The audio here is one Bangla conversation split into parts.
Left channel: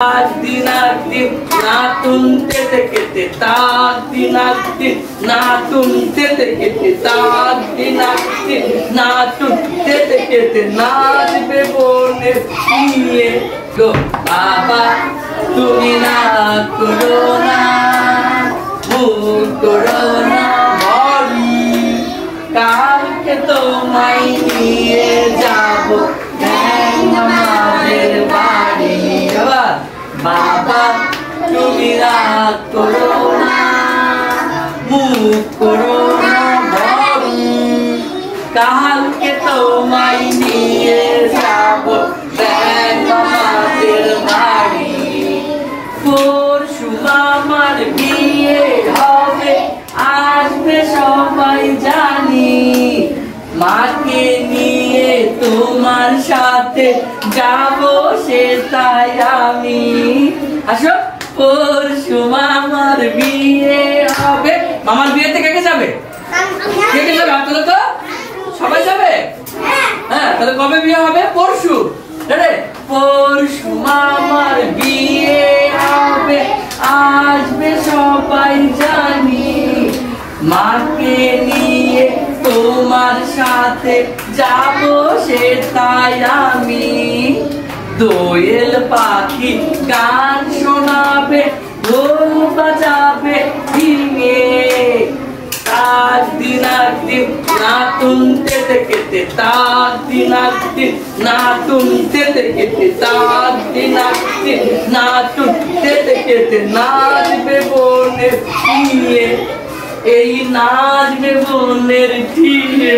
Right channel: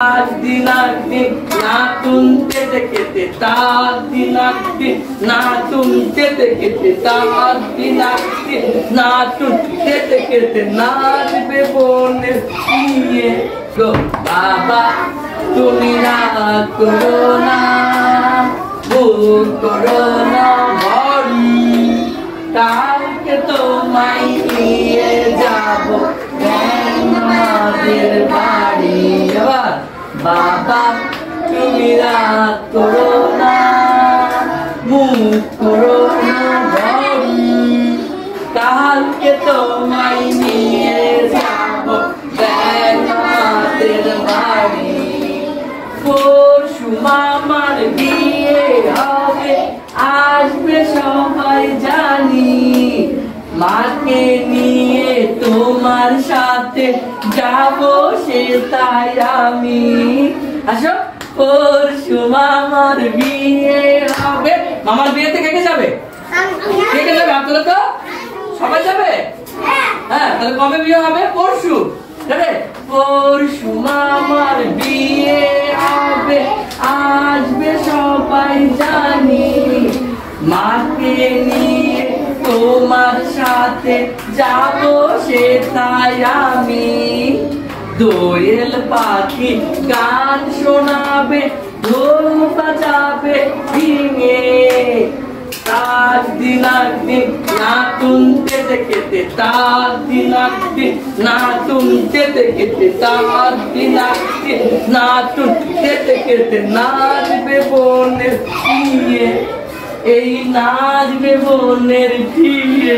Dinardim, natun tete kete, dinardim, natun tete kete, dinardim, natun tete kete, naচবে বোনের নিয়ে গো বাবা তুমি না করো না ভুল করো না ভরি কালকে তোমায় নিয়ে যাব আমাদের বাড়ি আবার বাবা তুমি রাগ করো না মুখ করো না ভরি কালকে তোমায় নিয়ে যাব আমাদের বাড়ি পরশু মামার বিয়ে হবে আসবে সবাই জানি মাকে নিয়ে তোমার সাথে যাব সে তাই আমি আসো পরশু মামার বিয়ে হবে মামার বিয়েতে কে কে যাবে কে কে যাবে আপনারা তো সবাই যাবে হ্যাঁ তাহলে কবে বিয়ে হবে পরশু পরশু মামার বিয়ে হবে আসবে সবাই জানি মাকে নিয়ে তোমার সাথে যাব সে তাই আমি দোয়েল পাখি গান শোনাবে ঢোল বাজাবে দিনে dinardim natun tete kete dinardim natun tete kete dinardim natun tete kete নাচবে বোনের নিয়ে এই নাচবে বোনের নিয়ে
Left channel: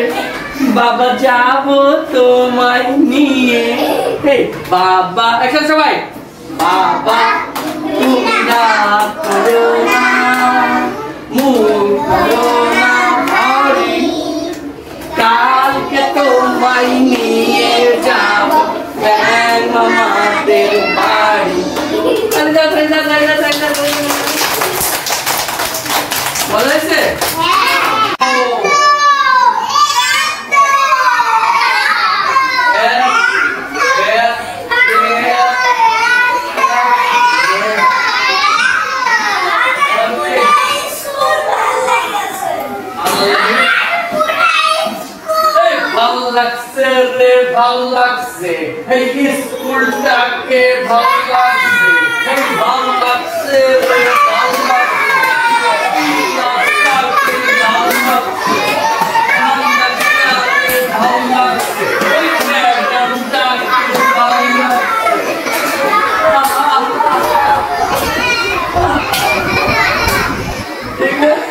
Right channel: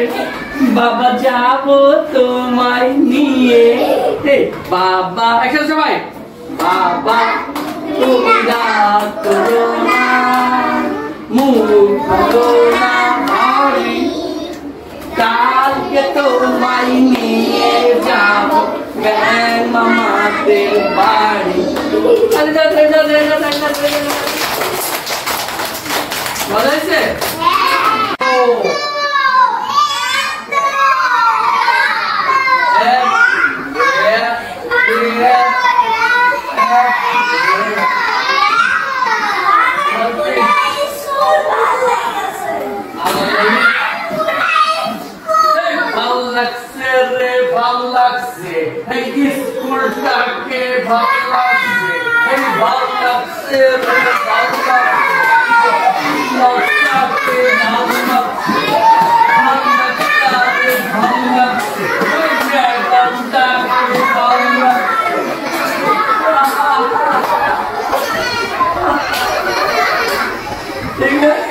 বাবা যাবো তোমায় নিয়ে হে বাবা একসাথে সবাই বাবা তুমি রাগ করো না মুখ করো না ভরি কালকে তোমায় নিয়ে যাব মামাদের বাড়ি মজা হয়েছে ভালো লাগছে এই স্কুলটাকে ভালো লাগছে এই ভালো লাগছে রে ভালো লাগছে লোকটাকে ভালো লাগছে ভালোটাকে ভালো লাগছে এই ম্যাডামটাকে ভালো লাগছে ঠিক আছে